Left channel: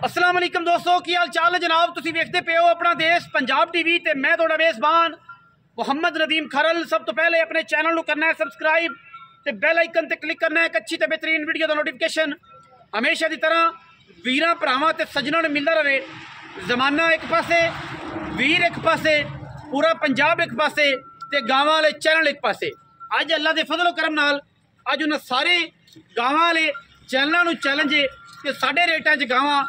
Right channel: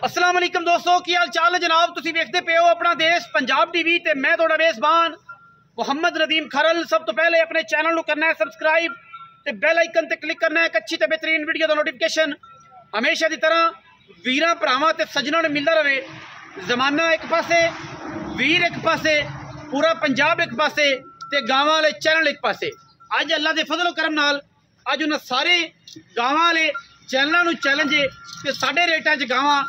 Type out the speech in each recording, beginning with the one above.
अस्सलाम वालेकुम दोस्तों, की हाल चाल है जनाब। तुसीं वेखदे पे हो अपना देश पंजाब टीवी ते मैं तुहाडा मेज़बान मुहम्मद नदीम खरल। सब तो पहले अपने चैनल को करना है सबसक्राइब ते बेल आइकन ते क्लिक करना है एक अच्छी ते बेहतरीन वीडियो का नोटिफिकेशन हमेशा की तरह वीरां भरावां ते सज्जनां नूं मिलदा रहे। जमाना एक पासे, वीर एक पासे, पूरा पंजाब एक पासे ते गांवां वाले चैनल एक पासे। अज अल्लाह के फजलो करम नाल अज उन्हां सारे गांवां वाले चैनलों नूं चैलेंज है कि साडे रेटां च गावां,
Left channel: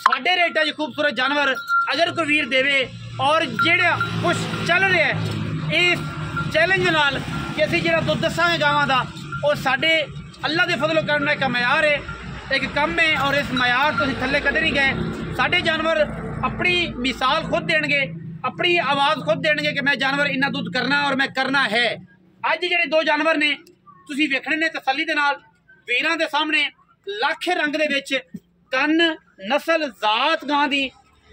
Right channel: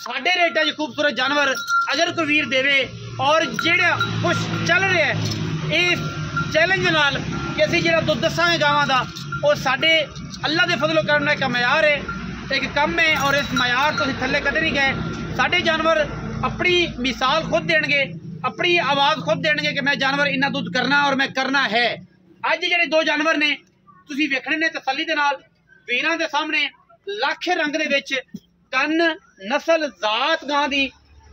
साडे रेटां च खूबसूरत जानवर अगर कोई वीर देवे और जेड़ा कुछ चल रहा है इस चैलेंज नाल कि असीं जेड़ा दुध दसांगे गावां दा वो साडे अल्लाह के फजलो करम नाल एक मयार है, एक कम है और इस मयार तो थल्ले कदे नहीं गए। साडे जानवर अपनी मिसाल खुद देणगे, अपनी आवाज़ खुद देणगे कि मैं जानवर इन्ना दुध करना और मैं करना है। अज जेडे दो जानवर ने तुसीं वेखणे ने तसल्ली दे नाल वीरां दे सामने लाखे रंग दे विच कन नस्ल जात गां दी,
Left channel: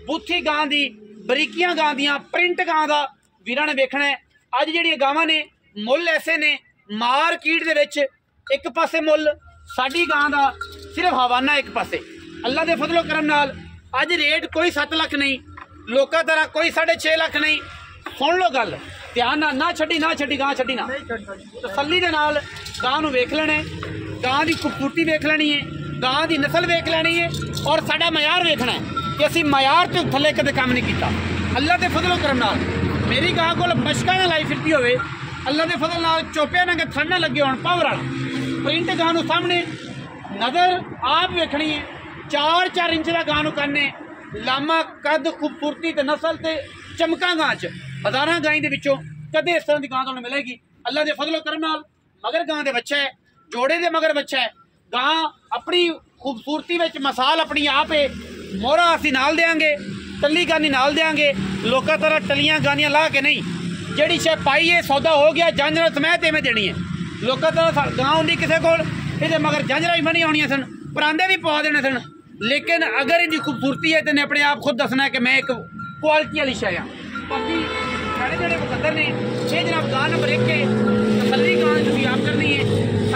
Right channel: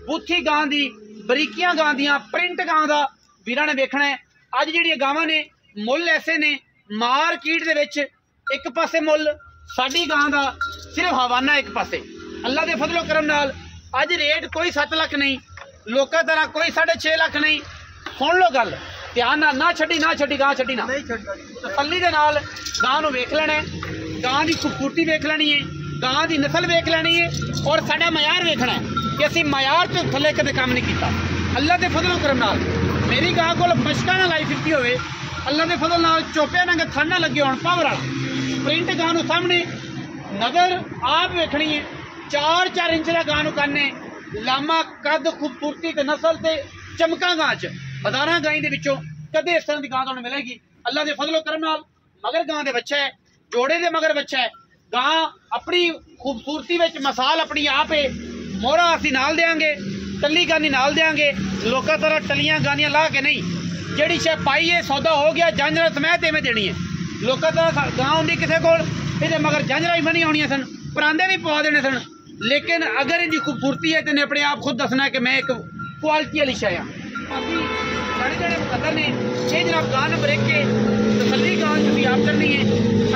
बूथी गां दी, बरीकियां गां दियां, प्रिंट गां दा वीरां ने वेखना है। अज जेहड़ियां गावां ने मुੱਲ ऐसे ने मार्केट दे विच एक पासे मुੱਲ साडी गां दा सिर्फ हवाना एक पासे। अल्लाह दे फजलो करम नाल अज रेट कोई 7 लाख नहीं, लोकां तरह कोई 6.5 लाख नहीं। सुन लो गल ध्यान नाल, ना छड्डी गां छड्डी ना, तसल्ली दे नाल गां नूं वेख लेना है, गां दी खूबसूरती वेख लेनी है, गां दी नस्ल वेख लेनी है और साडा मयार वेखना है कि असीं मयार तो थल्ले कदे काम नहीं कीता। अल्लाह के फजलो करम नाल मेरी गां कोल मशकां ना लाई फिरती होवे, अल्लाह के फजल नाल चोपे नंगे थन ना लगे होण पावर वाला प्रिंट गां नूं सामने नज़र आप वेखनी है। 4-4 इंच का गां नूं कन्ने लामा कद खूबसूरती ते नस्ल ते चमका गां च हज़ारां गाईं दे विचों कदे इस तरह की गां तुहानूं मिलेगी। अल्लाह के फजलो करम नाल मगर गां दे बच्चा है, जोड़े दे मगर बच्चा है। गां अपनी खूबसूरती विच मसाल अपनी आप है। मोहरा असीं नाल देंगे, टल्ली गानी नाल देंगे, लोकां तरह टलियां गानियां ला के नहीं। जिहड़ी शै पाई है सौदा हो गया, झांझरा समैत इवें देनी है। लोकां तरह गां हुंदी किसे कोल इहदे मगर झांझरा ही बनी होनी सन, परांदे भी पवा देने सन, लेकिन अगर इहदी खूबसूरती है तो इन्हें अपने आप खुद दसना है कि मैं एक क्वालिटी वाली शै हाँ। बाकी साढ़े जेह्ड़े मुकद्दर ने ये जनाब गां नंबर 1 के तसल्ली गां तुसीं आप करनी है।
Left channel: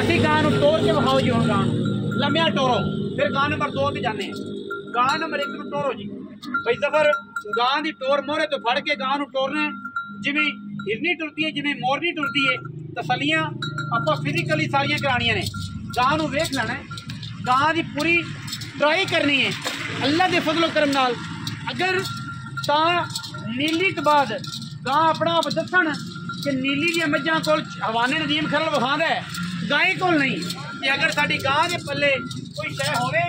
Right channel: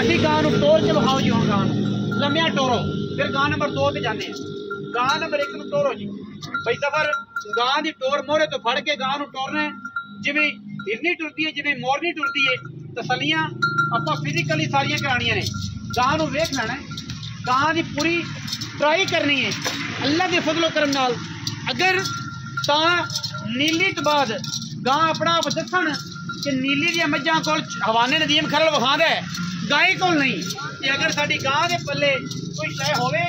असीं गां नूं टोर के विखाओ जी, हुण गां नूं लम्मिया टोरो, फिर गां नंबर 2 ते जाने। गां नंबर 1 नूं टोरो जी भाई सफर। गां दी टोर मोहरे तो फड़ के गां नूं टोरना है जिवें हिरनी टुरदी है, जिवें मोरनी टुरदी है। तसल्लियां आपां फिजिकली सारियां करानियां ने। गां नूं वेख लैना है, गां दी पूरी ट्राई करनी है अल्लाह के फजलो करम नाल। अगर तां नीली तो बाद गां अपना आप दसन कि नीली दी मझां कोल हवाने नदीम खरल वखांदा है, गाय कोल नहीं। ते अगर साडी गां दे पल्ले कोई शै होवे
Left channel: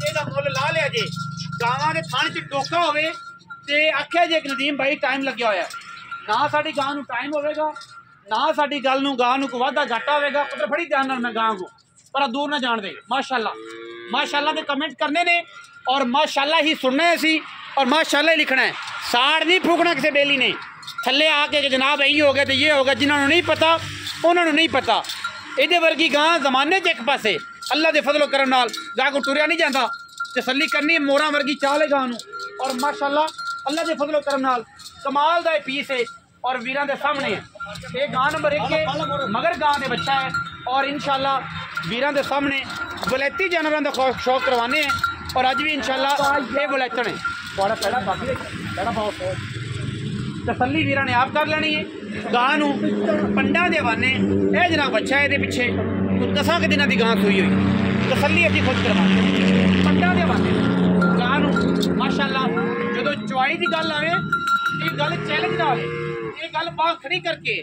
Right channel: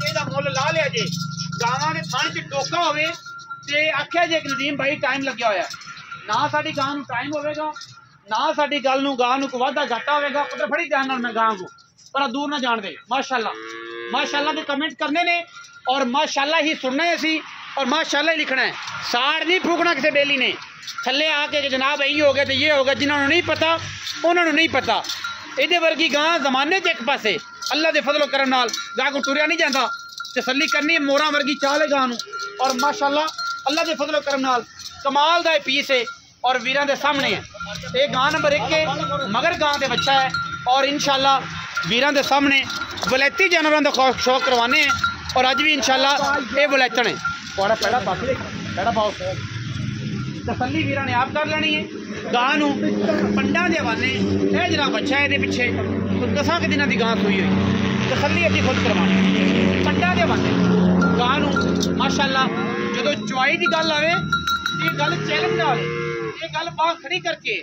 ते इहदा मुੱਲ ला लिया जे। गावां दे थान च टोका होवे ते आख्या जे नदीम भाई टाइम लग्या होया, ना साडी गां नूं टाइम होवेगा, ना साडी गल नूं गां नूं कोई वाधा घाटा होवेगा। पुत्र फड़ी ध्यान नाल मैं गां को पर दूर ना जान दे। माशाअल्लाह माशाअल्लाह के कमेंट करने ने और माशाअल्लाह ही सुनना है सी और माशाअल्लाह ही लिखना है। साड़ नहीं फूकना किसी बेली ने थल्ले आके जनाब यही हो गया तो ये होगा। जिन्होंने नहीं पता उन्होंने नहीं पता। इहदे वर्गी गां जमाने च एक पासे अल्लाह के फजलो करम नाल गां को टुरिया नहीं जाता। तसल्ली करनी है, मोरा वर्गी चाल है गां नूं और माशाअल्लाह अल्लाह के फजलो करम नाल कमाल दा पीस है और वीरां दे सामने है। ये गां नंबर 1 के मगर गां दे बच्चा है और इंशाअल्लाह वीरां दे सामने वलैती जानवरों का शौक करवाने हैं और अज भी इंशाअल्लाह ये वलैतन है। तसल्ली वीरां ने आप कर लेनी है। गां नूं पंडा दे हवाने यह जनाब बच्चा है, ये पिछे 10 दिनों की गां सूई हुई। तसल्ली असीं खुद करवानी पंडा दे हवाने गां नूं माशाअल्लाह। जो चवाई की गल आवे ये गल चैलेंज नाल ये गल बांह खड़ी करके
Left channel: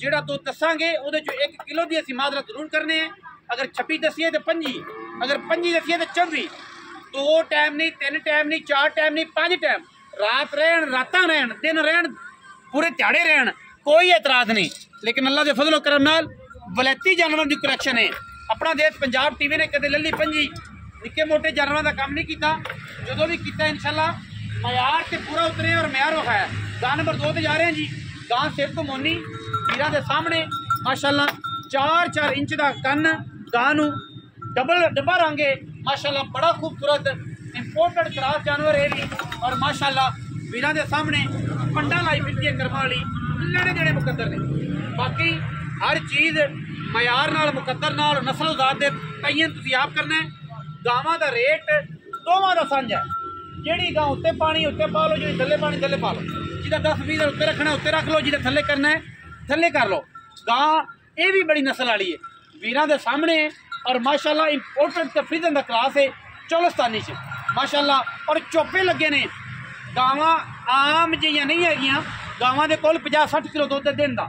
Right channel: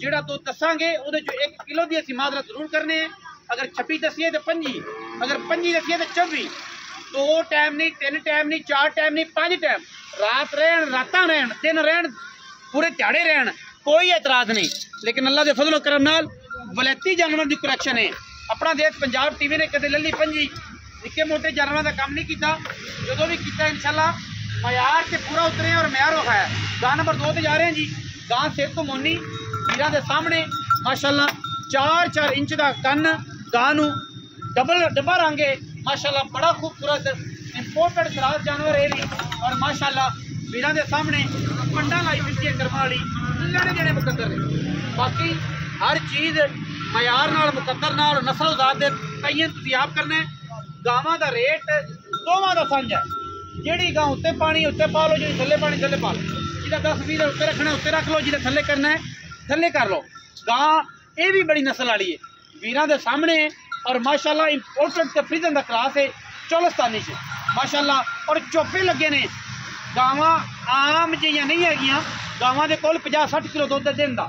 जिहड़ा दुध दसांगे उहदे चों 1 किलो दी असीं मादरा जरूर करने हैं। अगर 26 दसीए तो 25, अगर 25 दसीए तो 24, 2 टाइम नहीं, 3 टाइम नहीं, 4 टाइम नहीं, 5 टाइम, रात रहन, रातां रहन, दिन रहन, पूरे दिहाड़े रहन, कोई एतराज़ नहीं। लेकिन अल्लाह के फजलो करम नाल वलैती जानवरों की कलेक्शन है। अपना देश पंजाब टीवी ने कदे लली पंजी निक्के मोटे जानवरों का काम नहीं किया। जो भी किया इंशाअल्लाह मयार से पूरा उतरे और मयार विखाया। गां नंबर 2 ते जा रहे हैं जी। गां सिर तो मोनी वीरां दे सामने माशाअल्लाह 4-4 इंच का कन, गां नूं डबल डब्बा रंग है माशाअल्लाह, बड़ा खूबसूरत इंपोर्टेड क्रास जानवर है और माशाअल्लाह वीरां दे सामने पंडा लाई फिरदी है कर्मा वाली लड़े जड़े मुकद्दर ने। बाकी हर चीज़ मयार नाल मुकद्दर नाल नस्ल उजाद दे तयन तुसीं आप करना है। गावां दा रेट दोवां दा सांझा है। ਜਿਹੜੀ ਗਾਂ ਉੱਤੇ ਪਾਣੀ ਉੱਤੇ ਪਾ ਲਓ, ਜਿਹੜੀ ਥੱਲੇ ਪਾਣੀ ਥੱਲੇ ਪਾ ਲਓ। ਜਿਹਦਾ 10-20 ਉੱਤੇ ਰੱਖਣਾ ਉੱਤੇ ਰੱਖ ਲਓ, ਜਿਹਦਾ ਥੱਲੇ ਕਰਨਾ ਹੈ ਥੱਲੇ ਕਰ ਲਓ। ਗਾਂ ਇਹ ਵੀ ਬੜੀ ਨਸਲ वाली है वीर के सामने और माशाल्लाह इंपोर्टेड ते फ्रीजन का क्लास है चौलस्तानी से माशाल्लाह। और चोपे लगे ने गावां आम जिहियां नहीं हैगियां, गावां दे कोल 50-60 किलो दुध दिन का।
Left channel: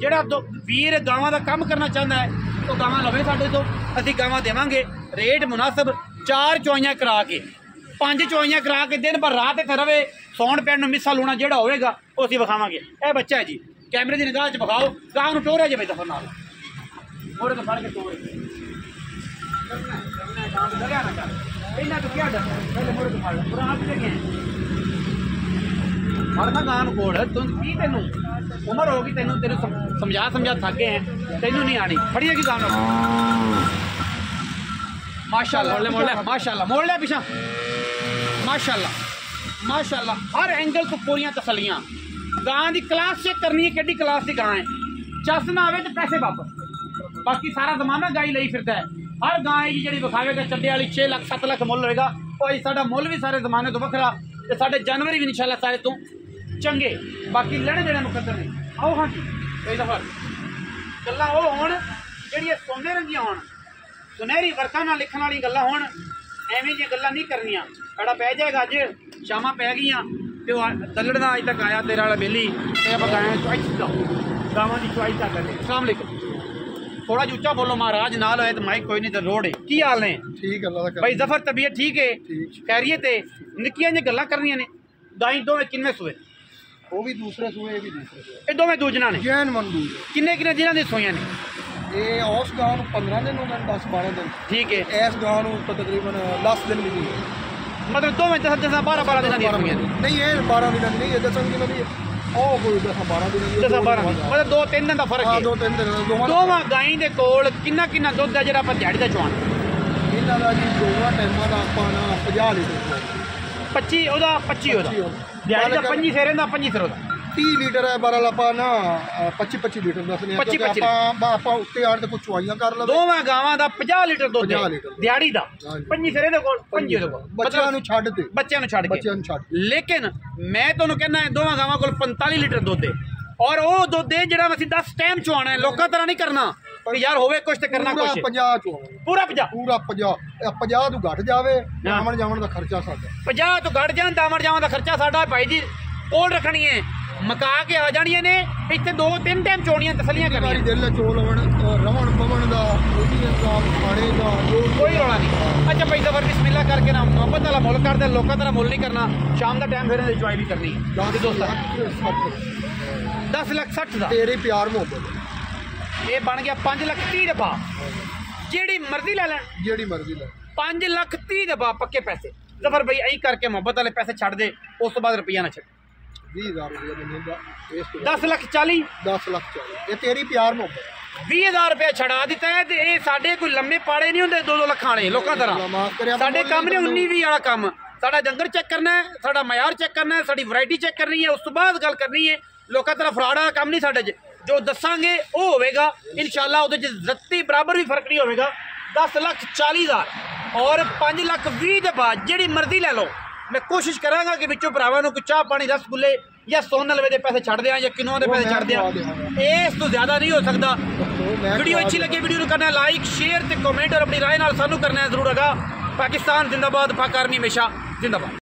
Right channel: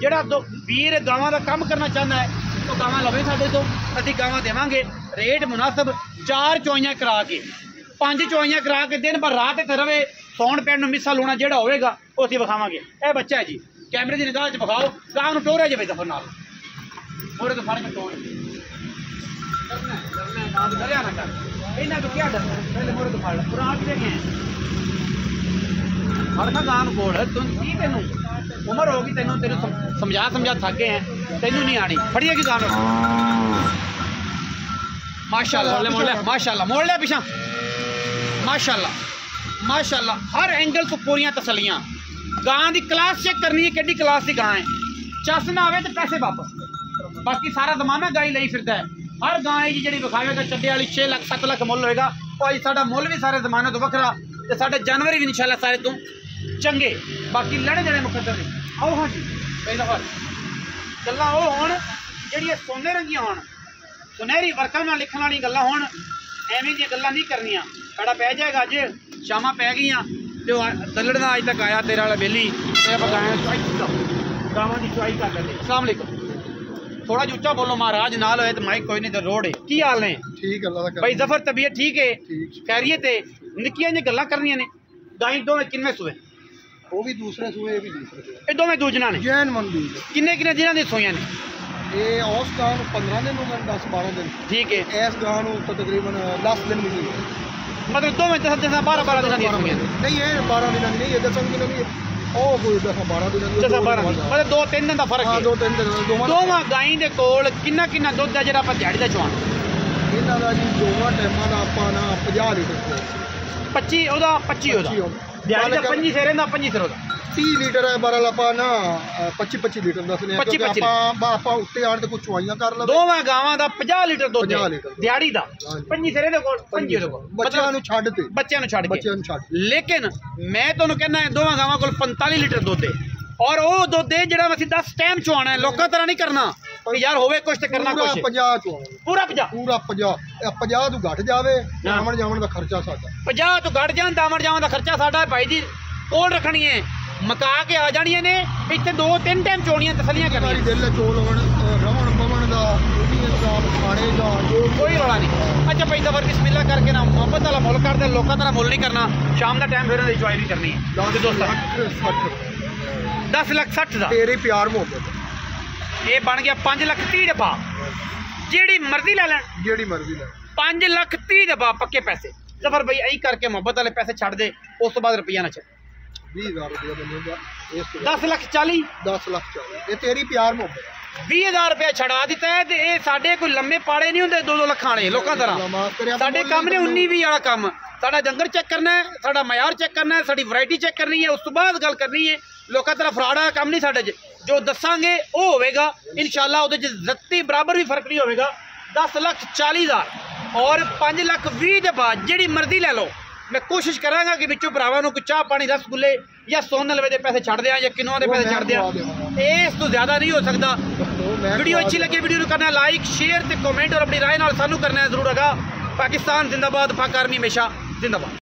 जिहड़ा वीर गावां का काम करना चाहता है तो गावां लवे साडे तो, असीं गावां देवांगे रेट मुनासिब। 4 चौइयां करा के 5 चौइयां करा के दिन भर रात इत्थे रवे, सौण पैण नूं मिस्सा लूणा जिहड़ा होवेगा वो असीं विखावांगे। यह बच्चा है जी, कैमरे की निगाह च विखाओ, गां नूं टोरे जे बई दफर नाल मोड़े तो फड़ के टोर करना है गां तो डरिया ना कर। इन्हां तो क्या डरना है, पहले मोड़े तो फड़ खुराक दे गए फड़ना गां नूं कोल। तुम की तैनूं उम्र होगी, तैनूं तेरे समझा थक गए हैं, तैनूं नहीं आनी। फड़िए की गां माशाल्लाह माशाल्लाह मोड़ लिया पिछा माशाल्लाह माशाल्लाह। हर एंगल तो पूरियां तसलियां। गां की क्लास चेक करनी है, कि क्लास की गां है। चस ना आवे तो पैसे वापस, बाकी सारा जमाना गाई ली फिरता है। हर गां है जी विखावेगा चड्डे वाली 6 लाख 7 लाख मुल होएगा। और साडा मुल भी सारे जमाने तो वखरा, तो साडे जानवर भी इंशाल्लाह सारे तो चंगे। बाकी लड़े जेड़े मुकद्दर ने आओ हाँ जी पहला दफा गल्लां वो होण जिहड़ियां सोने रंगियां होण, सुनहरी वर्कां नाल लिखण वाली गल्लां होण। एवें दी गल्लां नहीं करनियां। साड़ा पै जाएगा अज शामां पै गईयां तो दलड़ दा अज तक आया तेरे वाला बेली बताया चॉइस दा गावां दी चॉइस कर लेंदे। अस्सलाम वालेकुम। थोड़ा जी उच्चा बोलो महाराज, नाल होए तो माइक कोई नहीं तो रोड है। की हाल ने? ठीक अल्लाह दा। भाई जफर तबीयत ठीक है? खैरियत है? निक्कियां जी गल्लां करनियां ने। गाई दोवें किन्ने सूए? वो भी दूसरे सूए, ये भी दूसरे सूए। ये दोवें दूजना ने? जैन मंदूज। किन्ने किन्ने जिन्हां दी सूइयां ने? ये उस गां नूं 15 दिन हो गए, 10-12 दिन। ठीक है। इस गां नूं तकरीबन 10 दिन भी नहीं, मतलब दोवें 10-12 दिन दी सूइयां नहीं। ये 12 दिन नहीं है, 10 दिन नहीं है। ਉਹ ਕੋਈ 10-12 ਦਿਨਾਂ ਦੀ, 10-12 ਮਤਲਬ 2-3 ਦਿਨ ਦਾ ਫਰਕ ਹੈ। ਹਾਂ 2-3 ਦਿਨ ਦੋਵਾਂ ਗਾਈਂ ਦੇ ਕੋਲ ਕਿੰਨਾ ਕਿੰਨਾ ਦੁੱਧ ਹੈ ਜਿਹੜਾ ਆਪਾਂ ਦਿਹਾੜੀ ਦਾ ਚਵਾਣਾ? ਇਹਨਾਂ ਦਾ ਜੀ ਦੋਵਾਂ ਟਾਈਮਾਂ ਦਾ ਆਪਾਂ ਨਾ 50 ਲੀਟਰ 25 ਉਹਦਾ 25 ਉਹਦਾ ਦਿਹਾੜੀ ਦਾ 25 ਸੇਰੇ ਦਾ 25 ਸਰੋਂ ਦਾ 30 ਲੀਟਰ ਹੈ। ਬਰਲ ਆਪਾਂ ਨਾ 25 ਲੀਟਰ ਦੱਸਨੇ ਆ, ਕਿਉਂਕਿ ਆਪਾਂ ਉੱਤੇ ਆਣ ਤੇ ਕੁਝ ਚਵਾਈਆਂ ਕਰ ਲਵੇ। ਦੋਵਾਂ ਗਾਵਾਂ ਦਾ 50 ਲੀਟਰ ਦੁੱਧ ਦਿਹਾੜੀ ਦਾ 25 ਸੇਰੇ ਦੇ ਕੋਲ 25 ਦੇ ਕੋਲ ਬੱਚਿਆਂ ਨੂੰ ਛੱਡ ਕੇ। ਲੇਕਿਨ ਮੈਂ ਤੁਹਾਨੂੰ ਕਹਿੰਦਾ ਦੋਵਾਂ ਗਾਵਾਂ ਕੋਲ 45 ਲੀਟਰ ਦੁੱਧ ਹੈ। और वो दुध है जो ਅਸੀਂ 10 टाइम चुआना है, लोगों तरह नहीं करना कि यार होवे कुछ ते करना कुछ। पूरा 50 तो घट जावे, आमण जावण दा खर्चा साडा 50 तो घट जान, आमण जावण दा खर्चा साडा भाई जी कोल रखनी है। मका के आ जानियां ने इत्थे 2-3 टाइम चोणियां तसलियां करनी। दिल चोल रवण पवन दा ओदी इंतजाम खाने दा कोई वाला नहीं। अच्छा भाई सफर बिस्मिल्लाह करके ना मोहब्बत वाला मुल कर दे, लोगों तरह मुल नहीं करना। शाम का टाइम फिर इंजॉय भी करनी है। 10 ਲੱਖ 60 ਦਾ ਤੇਰੇ ਪਿਆਰ ਮੁਹੱਬਤ ਇਹ ਬਣ ਗਿਆ 5 ਲੱਖ 30 ਡੱਬਾ। ਜਿਹੜੀ ਮਰਜ਼ੀ ਲੈ ਲੈਣ, ਜਿਹੜੀ ਮਰਜ਼ੀ ਲੈ 5 ਲੱਖ 30 ਡੱਬਾ ਪੱਕੇ ਪੈਸੇ। ਜ਼ਫਰ ਭਾਈ ਐਂ ਕਰਕੇ ਮੁਹੱਬਤ ਵਾਲੇ ਪੈਸੇ ਛੱਡ ਦੇ, ਉਸ ਤੋਂ ਬਾਅਦ ਰੁਪਈਆ ਨਾ ਛੱਡ। 20000 ਰੁਪਇਆ ਮਿਲੇਗਾ। 10 ਲੱਖ 40 ਇਹ ਤੇਰੀ ਪਿਆਰ ਮੁਹੱਬਤ। 20000 ਰੁਪਇਆ ਛੜਾ ਦਿੱਤਾ ਹੈ ਤੇ ਇਹ ਸਾਡੇ ਕੋਈ ਲੰਮੇ ਪਾੜੇ ਨਹੀਂ ਹੁੰਦੇ 2-2 ਲੱਖਾਂ ਵਾਲੇ ਲੋਕਾਂ ਤਰ੍ਹਾਂ। ਸਾਡੇ ਕੰਮ ਨੇ 19-20 ਵਾਲਾ ਕੰਮ। साड़ा डंगर चेक करना है, साड़ा मयार चेक करना है, साड़ी वैरायटी चेक करनी है, उस तो बाद गल करनी है। लोगों तरह फ्रॉड वाला काम नहीं साडे जो दसांगे वो होगा इंशाल्लाह। उहदे च रत्ती बराबर भी फर्क नहीं होगा। 10 ਲੱਖ 40,000 और 5 ਲੱਖ 20 ਦੇ बाद ਜਿਹੜੀ ਮਰਜ਼ੀ ਲੈ ਲਓ। मैं कोशिश करांगा कि विचों भरावां नूं चाह पानी रसगुल्ले या सोन नलवे दे पैसे छड़ दियां या किनों दे पैसे छड़ दियां। इस तो ज्यादा नहीं हो सकता। वीडियो अच्छी लगे वीडियो नूं करना लाइक शेयर ते कमेंट और अपनी राय नाल सानू करना है जरूर। पाकिस्तान जिंदाबाद, पाक आर्मी हमेशा जिंदाबाद।